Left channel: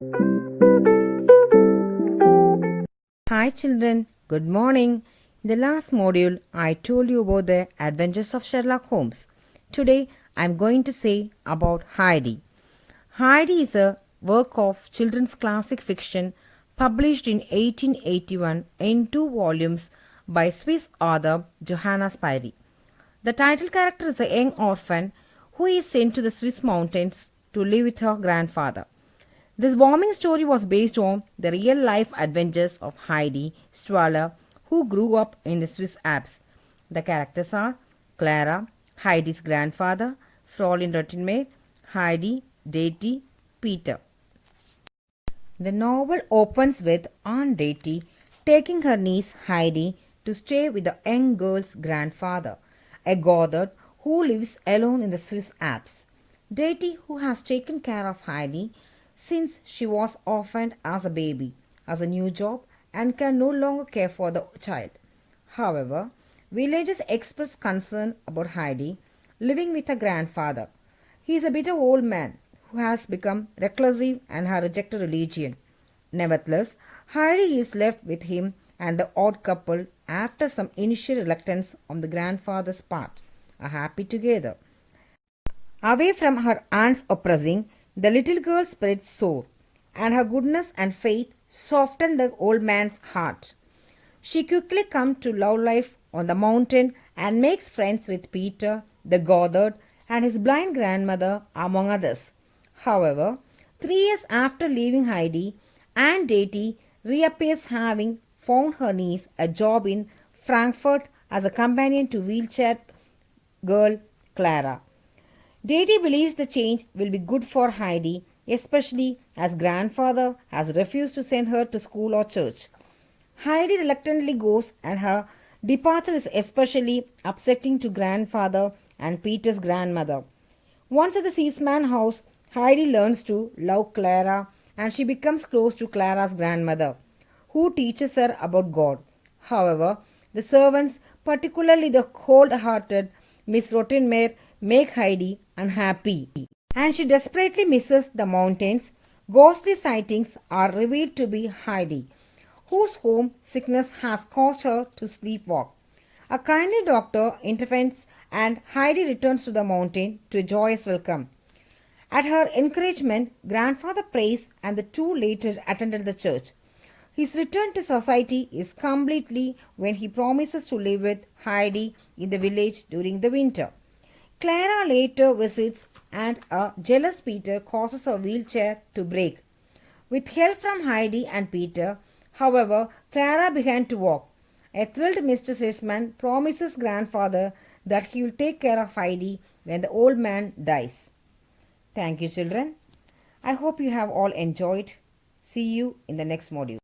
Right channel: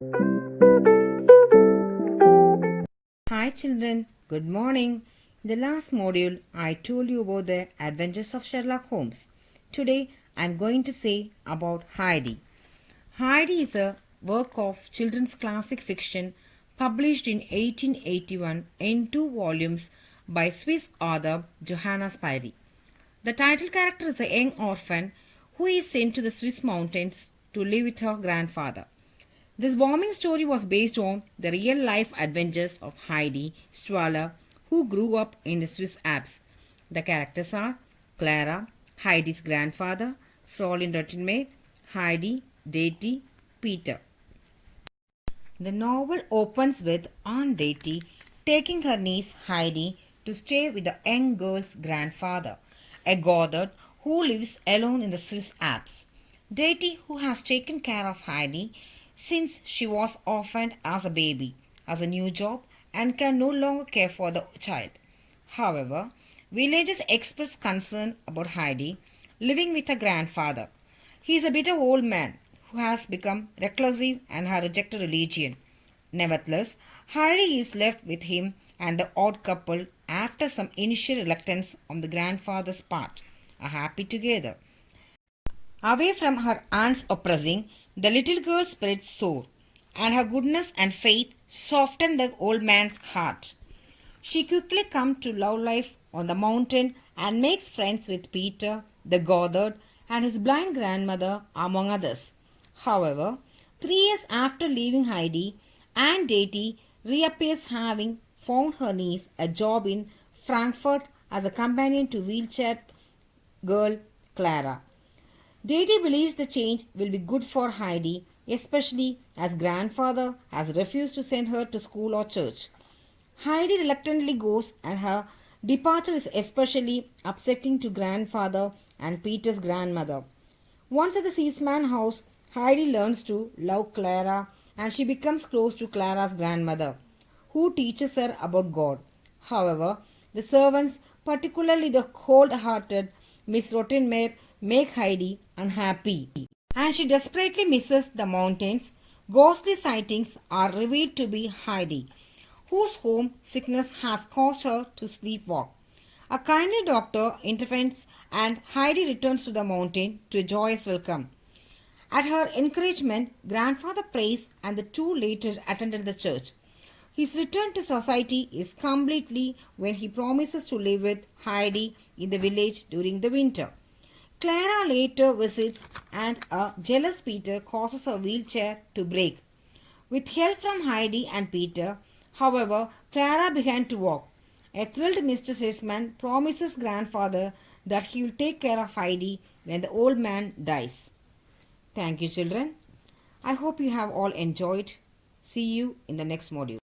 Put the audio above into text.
Hi children, good morning. In the last module, I told you about the adventures of Sherlock Holmes. Today, I am going to say about Heidi. Heidi is a work of children's classic fiction published in 1881 in two volumes by Swiss author Johanna Spyri. The title character is a young orphan who is sent to the Swiss mountains to live with her grandfather. This warming story was based on the real life adventures of Heidi Strahler, who grew up in the Swiss Alps. The characters are Clara, Heidi's grandfather, Fräulein Rottenmeier, Heidi, Deity, Peter. The novel opens with Aunt Deity taking her niece Heidi to stay with the young girl's grandfather, a Gothard who lives alone in the Swiss Alps. Deity, who has taken care of Heidi since she was orphaned as a baby, has a new job and can no longer care for the child. However, villagers express concern about Heidi living with her grandfather. He is a bitter old man who has become reclusive and has rejected religion. Nevertheless, Heidi is left with him and the odd couple after some initial reluctance on the grandfather's part are happy together. Away from her aunt's oppressing, the little girl's spirit soared, and her goodness and faith softened the old man's heart. She quickly comes to love life on the mountain and makes friends with Peter, the Gothard, and his blind grandmother, among others. However, 3 years after leaving Heidi, Aunt Deity reappears having found her niece a job in Frankfurt as a companion to wheelchair girl Clara. Deity believes the change will be good for Heidi, especially as grandfather has refused to send her to school or church. Heidi reluctantly goes, and her departure is especially upsetting to grandfather and Peter's grandmother. Once at the seaman house, Heidi learns to love Clara and she becomes close to Clara's grandmother, who teaches her about God. However, the servants, particularly the cold-hearted Miss Rottenmeier, make Heidi unhappy, and she desperately misses the mountains. Ghostly sightings are revealed to be Heidi, whose home sickness has caused her to sleepwalk. A kindly doctor intervenes and Heidi returns to the mountain to a joyous welcome. At her encouragement, grandfather prays and the two later attended the church. His return to society is completely when he promises to live with Heidi in the village during the winter. Clara later visits and a jealous Peter causes her wheelchair to break. With help from Heidi and Peter, however, Clara began to walk. A thrilled Mr. Sisman promises grandfather that he will take care of Heidi when the old man dies. Thank you, children. I hope you have all enjoyed. See you in the next module.